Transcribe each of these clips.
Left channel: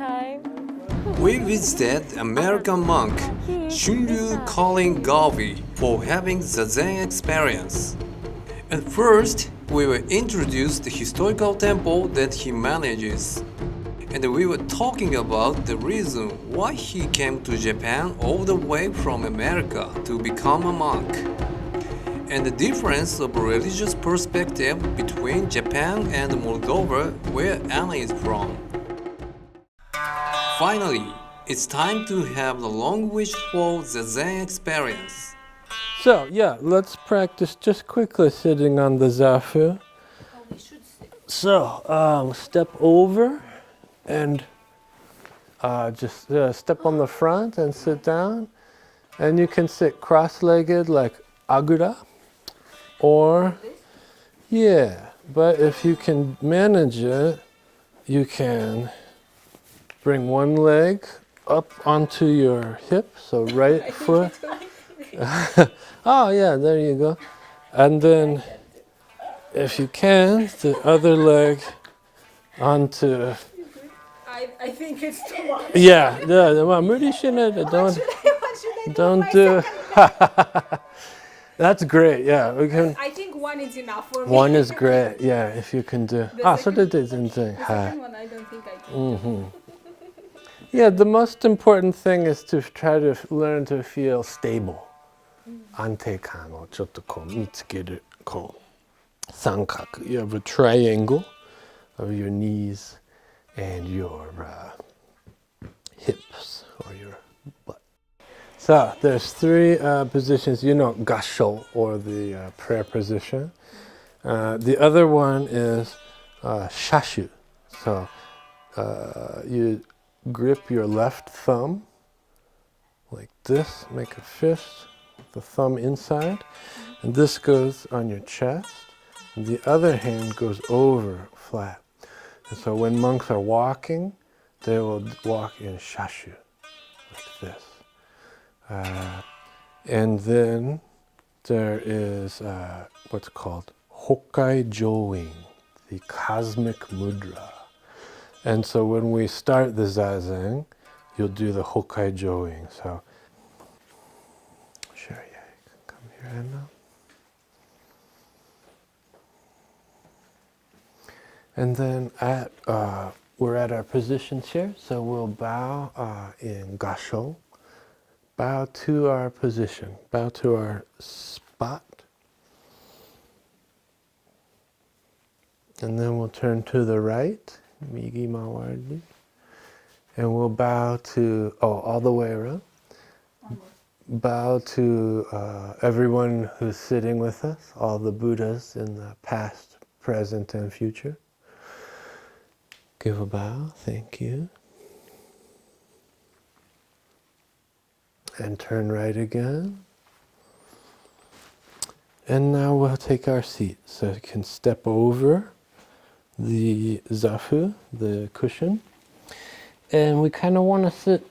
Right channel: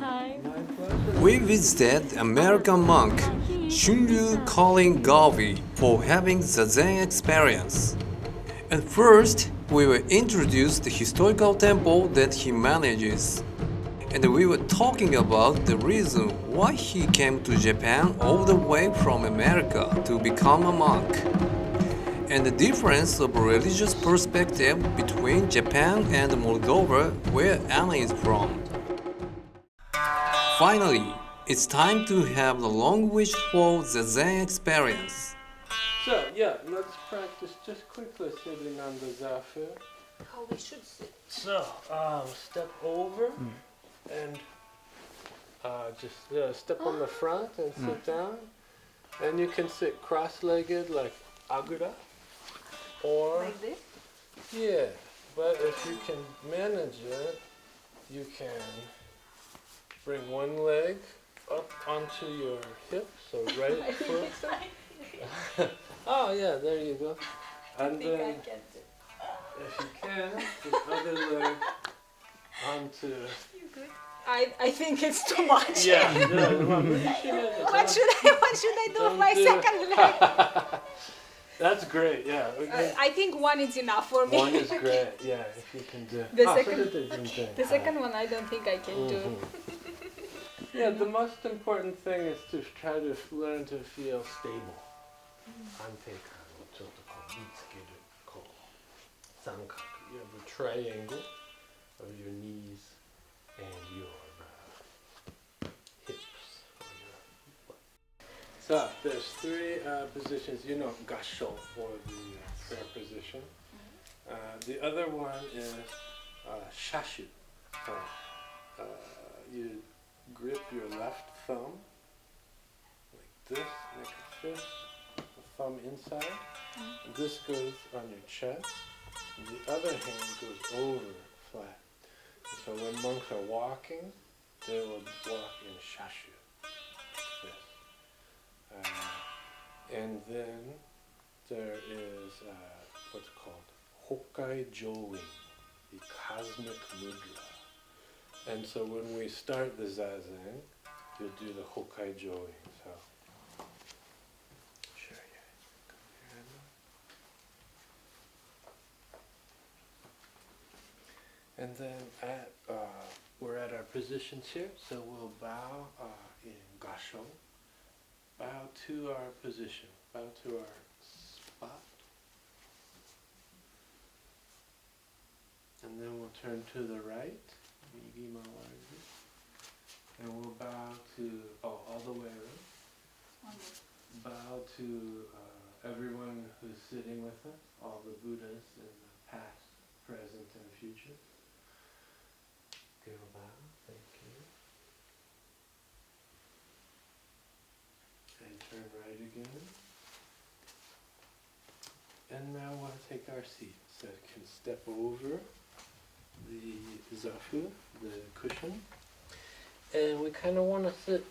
time. We visited American monk Shunryu calling Gavi for having Zazen experience. At first, we were introduced the historical temple that he manages. And we were talking about the reason why he came to Japan all the way from America to become a monk. And the difference of religious perspective between Japan and Moldova, where Anna is from. Finally, it's time to have the long-wished-for Zazen experience. So, yeah, let's practice just quickly sitting on the zafu. So, step over and just step on the front and sit down. And you can sit cross-legged like agura. Or, yeah, but if you can manage it, you can bring one leg up onto your hip, so right foot. Oh yeah, there you go. And then, if you can, the other leg onto. I think it's too much. Yeah, well, what should I do don't my do. second leg? That's great. Yeah, we can. I think one is enough for me. One is great. Yeah, if you can do. The So second- that is interesting. The second one I don't think I can do. Yeah, the most important thing is to try to learn to feel stable. 安定感をちょっとこう見つける。こう三角. You have a triangle of your knees and your hips or your butt. So there's three positions. You know, gasho or the prayer position. The other one is shashu. So you grip your left thumb like this, make a fist, the thumb inside, and this goes on your chest, and the other hand goes over flat. And so when monks are walking, they will walk in shashu, like this. And then there is what's called Hokkai Join, the cosmic mudra. And so when we start the Zazen, you'll do the Hokkai Join. So, sure, yeah, you can come here and now. And then we're at our positions here, so we'll bow in Gasho. Bow to our position, bow to our spot. And then we'll turn to the right, Migi Mawardi. And we'll bow to, all the way around. Bow to everyone who's sitting with us, all the Buddhas in the past, present, and future. Give a bow, thank you. And turn right again. And now we'll take our seat. So you can step over the zafu, the cushion. And we kind of want to sit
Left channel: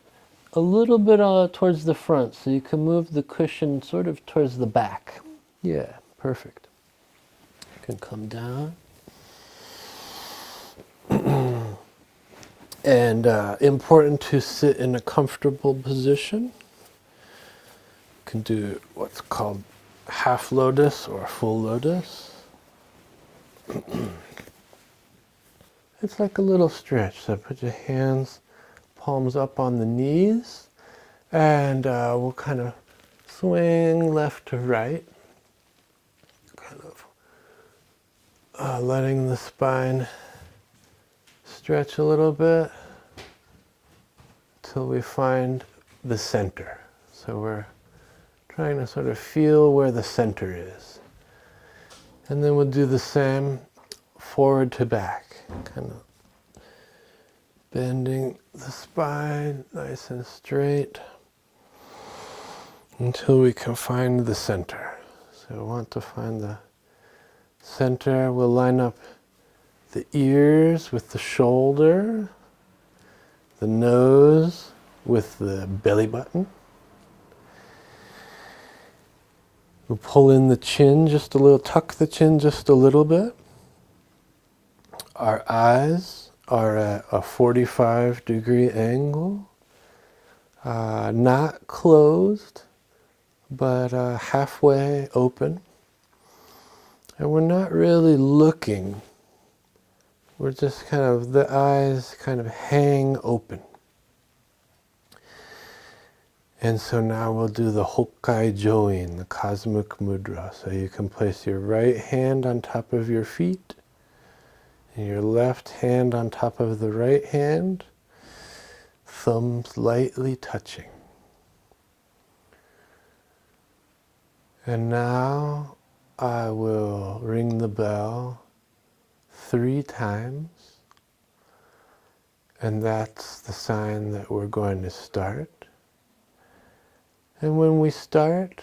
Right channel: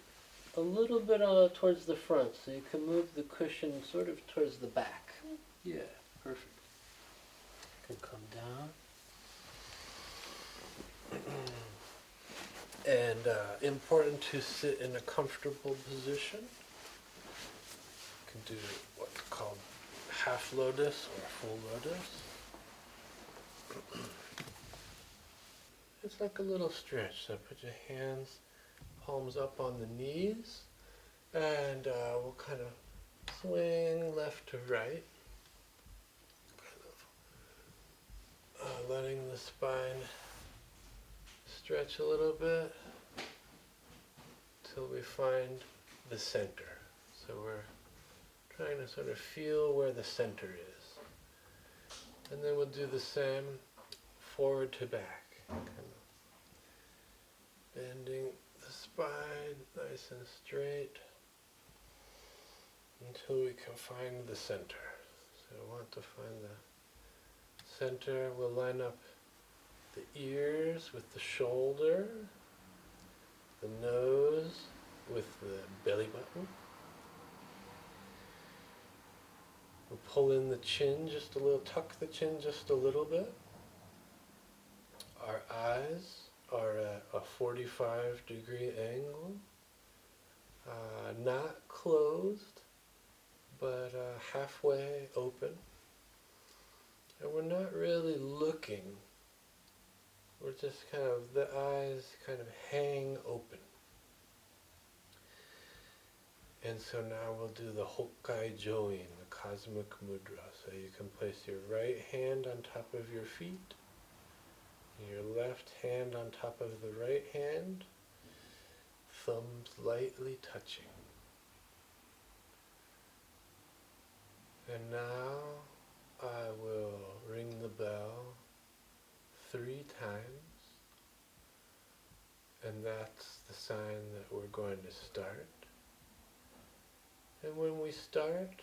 a little bit towards the front, so you can move the cushion sort of towards the back. Yeah, perfect. You can come down. And important to sit in a comfortable position. You can do what's called half lotus or full lotus. It's like a little stretch. So put your hands, palms up on the knees, and we'll kind of swing left to right. Kind of letting the spine stretch a little bit till we find the center. So we're trying to sort of feel where the center is. And then we'll do the same forward to back, kind of bending the spine nice and straight until we can find the center. So we want to find the center. We'll line up the ears with the shoulder, the nose with the belly button. We'll pull in the chin just a little, tuck the chin just a little bit. Our eyes are at a 45-degree angle, not closed, but halfway open. And we're not really looking. We're just kind of, the eyes kind of hang open. And so now we'll do the Hokkai Join, the cosmic mudra. So you can place your right hand on top of your feet, and your left hand on top of the right hand, thumbs lightly touching. And now I will ring the bell 3 times, and that's the sign that we're going to start. And when we start,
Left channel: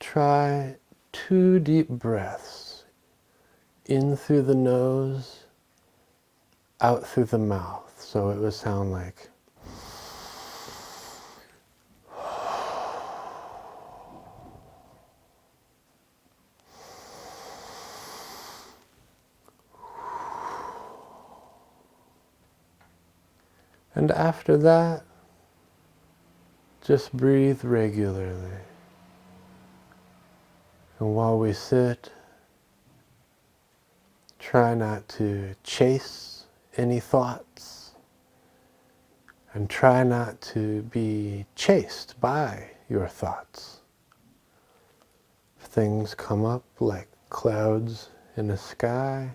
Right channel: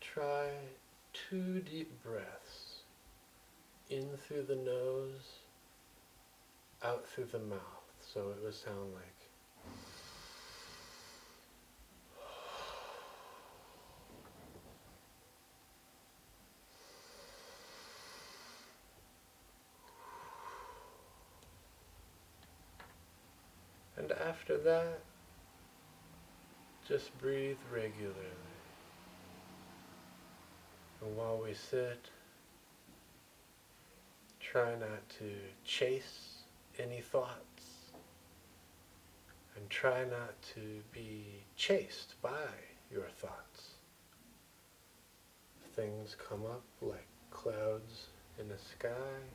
try 2 deep breaths, in through the nose, out through the mouth. So it would sound like and after that, just breathe regularly. And while we sit, try not to chase any thoughts, and try not to be chased by your thoughts. If things come up like clouds in the sky,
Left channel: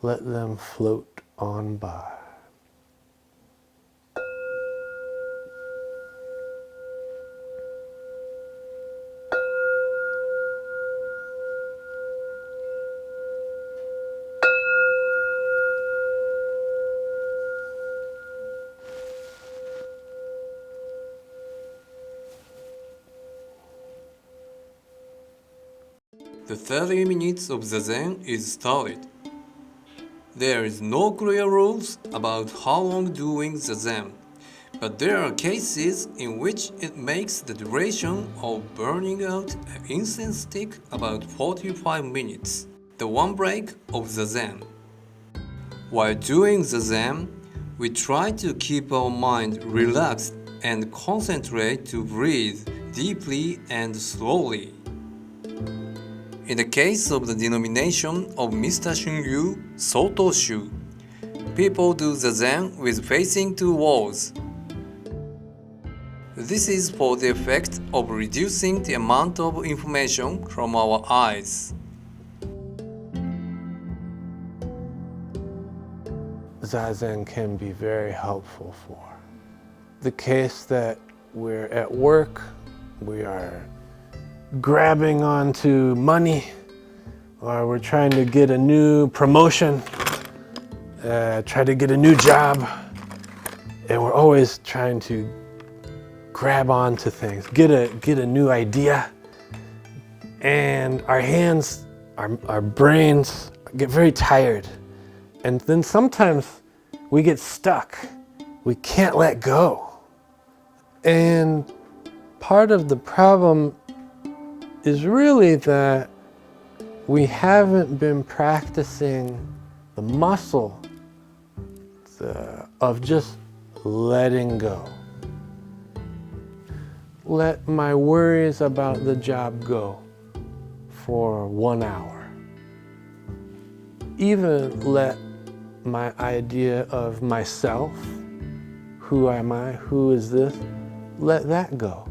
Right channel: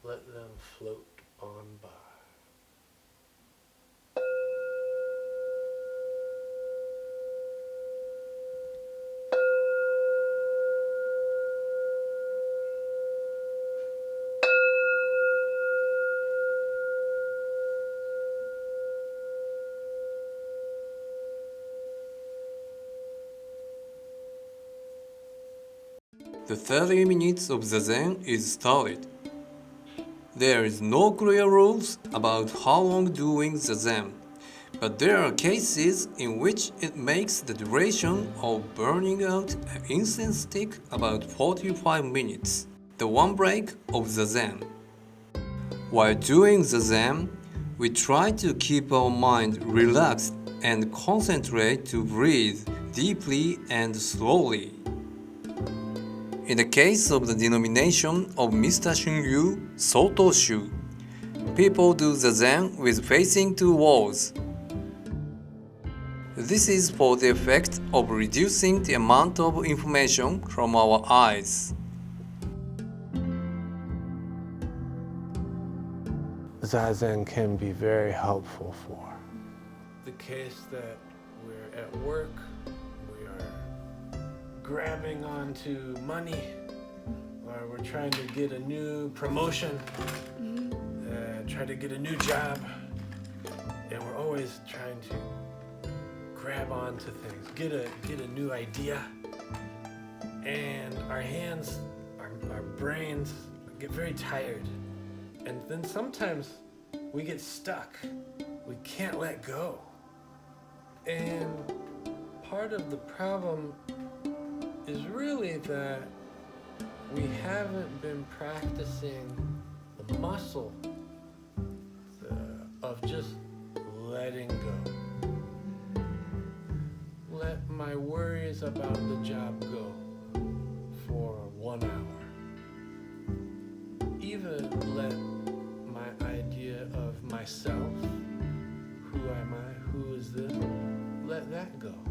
let them float on by. The 30 minutes of Zazen is started. There is no clear rules about how long doing Zazen, but there are cases in which it makes the duration of burning out an incense stick about 45 minutes, the one break of Zazen. While doing Zazen, we try to keep our mind relaxed and concentrate to breathe deeply and slowly. In the case of the denomination of Mr. Shunryu Sotoshu, people do Zazen with facing to walls. This is for the effect of reducing the amount of information from our eyes. Zazen can be very helpful for the case that we're at work, we are grabbing onto money, or we're trying to get a new promotion, try to get a new job, and we're always trying to grab onto things, get a new idea, and our hands, our brains get very tired, and then sometimes we get stuck. We can't let go. And part of the problem is really that we haven't been practicing the muscle of just letting go. Let my worries about the job go for 1 hour. Even let my idea of myself, who am I, who is this, let that go.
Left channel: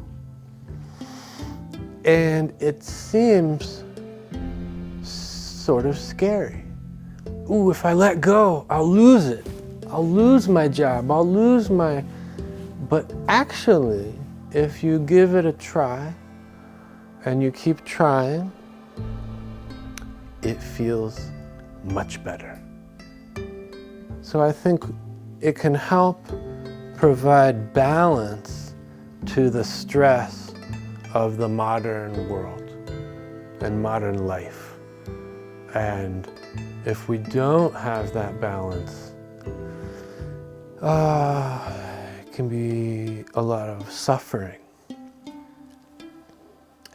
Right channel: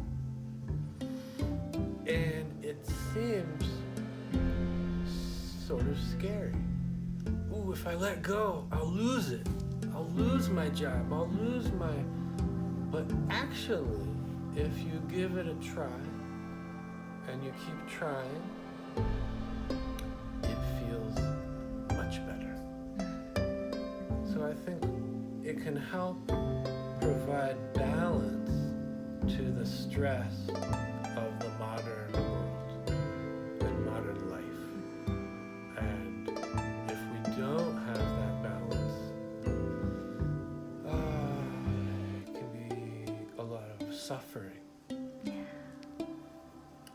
And it seems sort of scary. Ooh, if I let go, I'll lose it. I'll lose my job, I'll lose my... But actually, if you give it a try, and you keep trying, it feels much better. So I think it can help provide balance to the stress of the modern world and modern life. And if we don't have that balance, it can be a lot of suffering.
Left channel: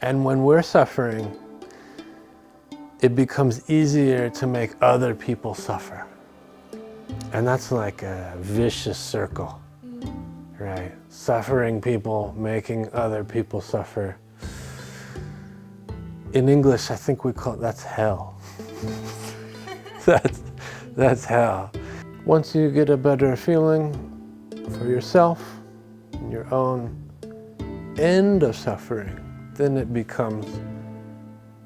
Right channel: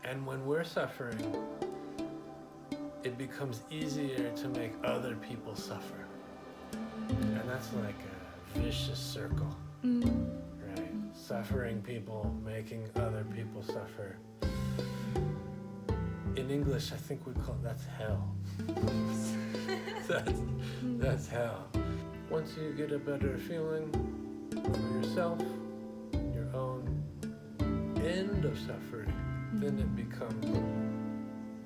And when we're suffering, it becomes easier to make other people suffer. And that's like a vicious circle, right? Suffering people, making other people suffer. In English, I think we call it, that's hell. That's hell. Once you get a better feeling for yourself, your own end of suffering, then it becomes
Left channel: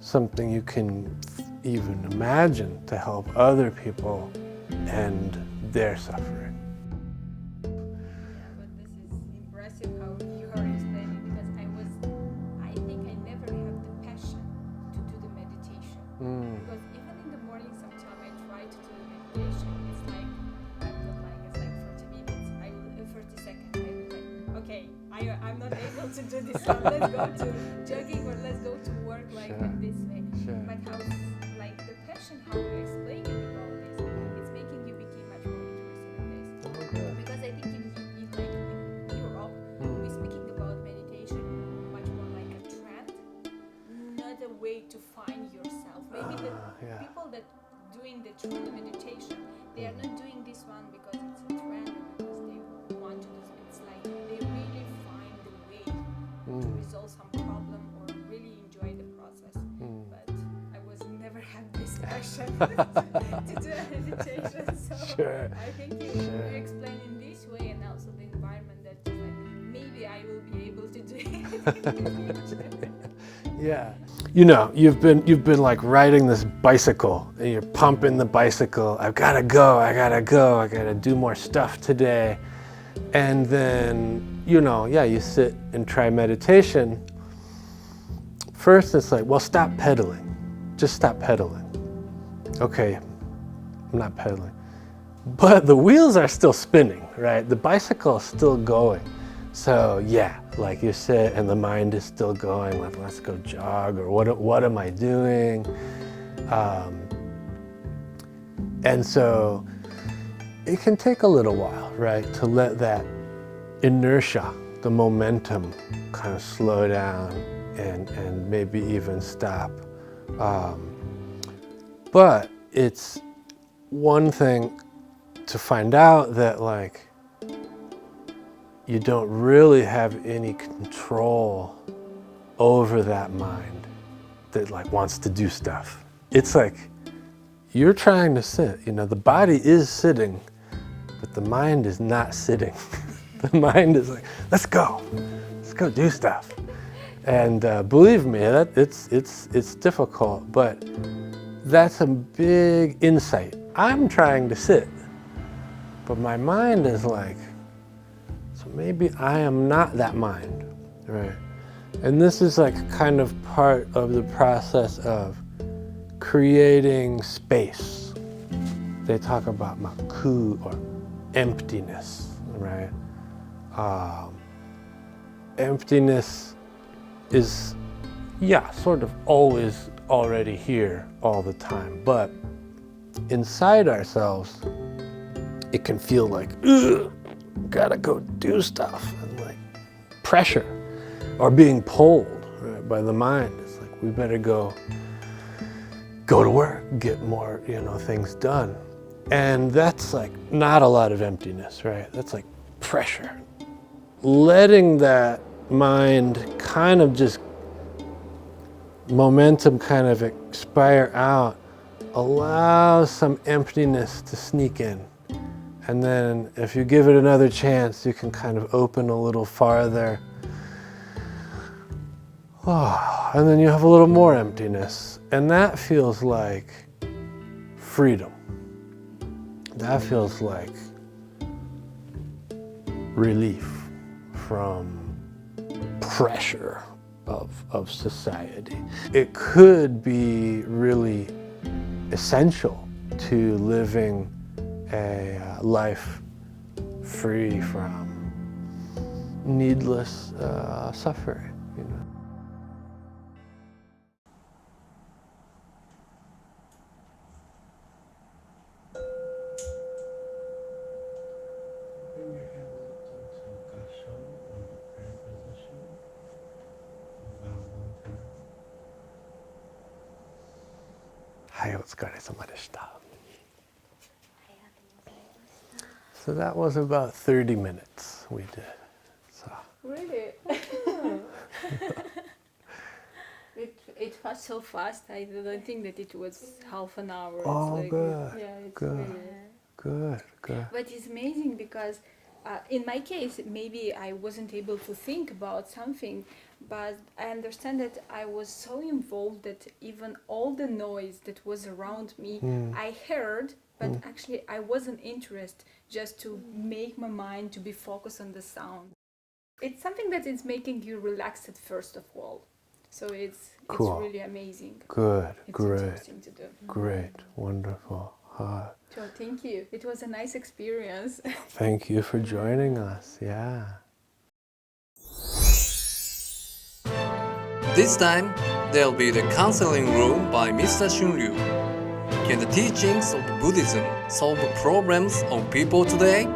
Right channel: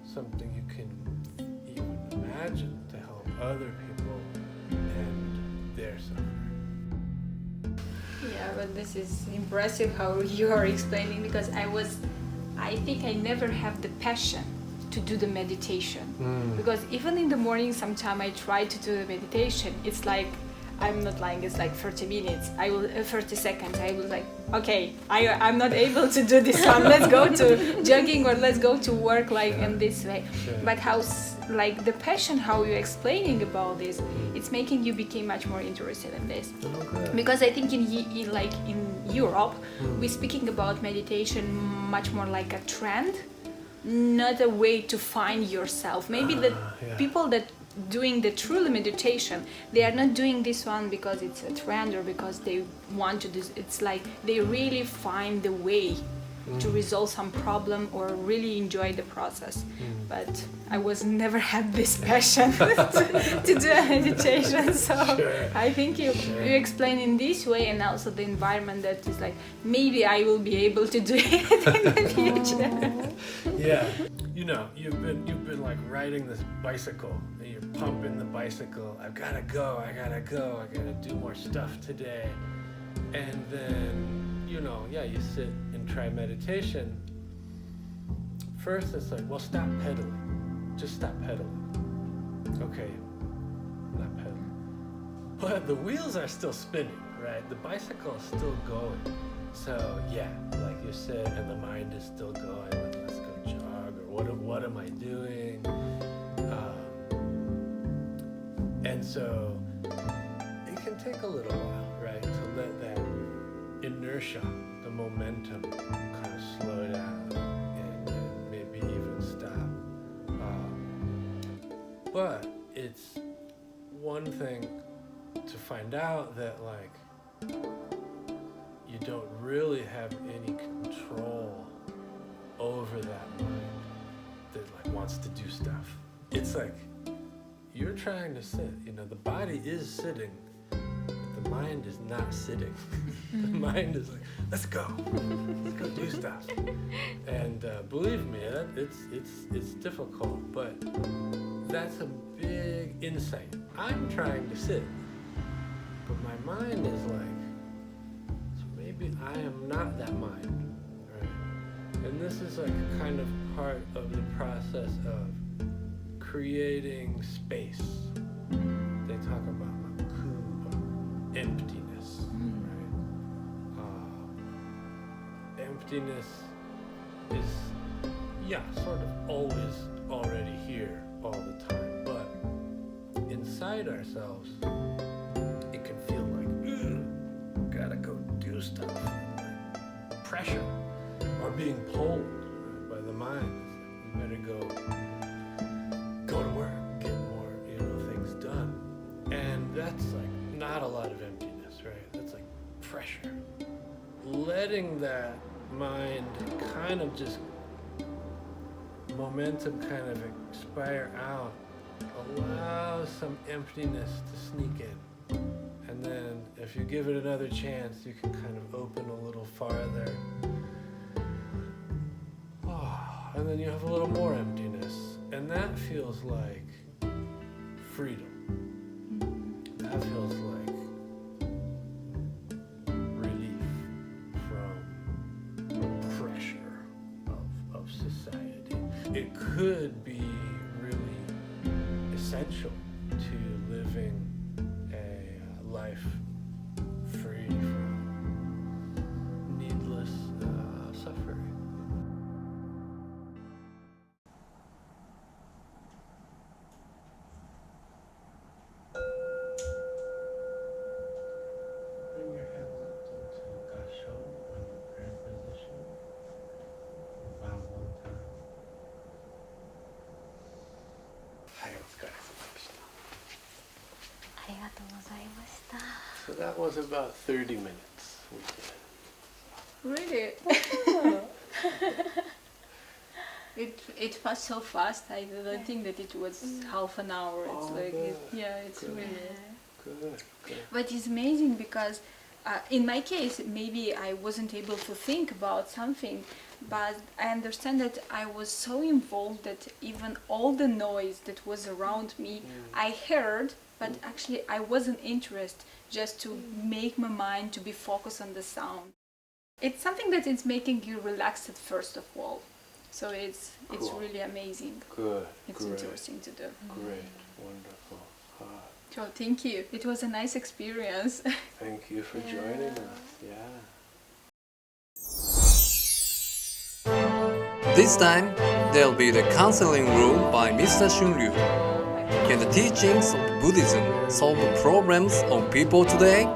something you can even imagine to help other people end their suffering. Yeah, but this is impressive how you are explaining, because I think I never have the passion to do the meditation. Because even in the morning, sometimes I try to do the meditation. It's like, I'm not lying, it's like 30 minutes. 30 seconds. I was like, okay, I'm not able to do this one. Let's go to jogging or let's go to work like in this way. But like the passion, how you're explaining about this, it's making you become much more interested in this. Because I think in Europe, we're speaking about meditation much more like a trend, not a way to find yourself. Maybe the people that doing the true meditation, they are not doing this one because it's a trend or because they want to do. It's like they really find the way to resolve some problem or really enjoy the process. But I was never had this passion to do a meditation. So I think you explain in this way, and also the environment that is like, maybe I will be able to do it in the future. Yeah. You know, you've been like riding this bicycle and you're pumping the bicycle. I gotta go, do more stuff today. And then, you sit and try meditation. First it's like, well, stop pedaling. Just stop pedaling. Okay, I'm not pedaling. But the wheels are still spinning, right? The bicycle is still going. So like you sit and the mind is still going, like, let's go jog, or what am I doing? And so it can take a little while, right, to let that inertia, the momentum, kind of slow down and maybe even stop. But it's one thing to find out that, like, you don't really have any control over that mind that, like, wants to do stuff. It's like you're trying to sit, the body is sitting, but the mind is not sitting. The mind is like, let's go do stuff. And believe me, it's difficult, but that's a big insight. I'm trying to sit, but my mind is like, so maybe I am not that mind, right? And this is like kind of part of the process of creating space. They talk about maku, or emptiness, right? Emptiness is, sort of always already here all the time, but inside ourselves, it can feel like, ugh, gotta go do stuff, and like pressure, or being pulled, right, by the mind. It's like, we better go to work, get more, things done. And that's like not a lot of emptiness, right? That's like pressure. Letting that mind kind of just momentum kind of expire out allows some emptiness to sneak in. And then if you give it another chance, you can kind of open a little farther. Oh, and then you have a little more emptiness. And that feels like freedom. That feels like relief from pressure of society. It could be really essential to living a life free from needless suffering. Bring your hands up into Gasho, or the prayer position. Bow one time. はい、お疲れ様でした。ありがとうございました。So that was about 30 minutes we did. So. Really? It was so fast. I didn't think that it was half an hour. Oh, it's like, good. Yeah, it's Good. really. Good. But it's amazing because in my case, maybe I wasn't able to think about something, but I understand that I was so involved that even all the noise that was around me, I heard, but actually I wasn't interested just to make my mind to be focused on the sound. It's something that is making you relaxed first of all. So it's really amazing. Good. It's Great. interesting to do. Great. Wonderful. So thank you. It was a nice experience. Thank you for joining us. Yeah. This time, there'll be the counseling room by Mr. Shunryu. Can the teachings of Buddhism solve the problems of people today?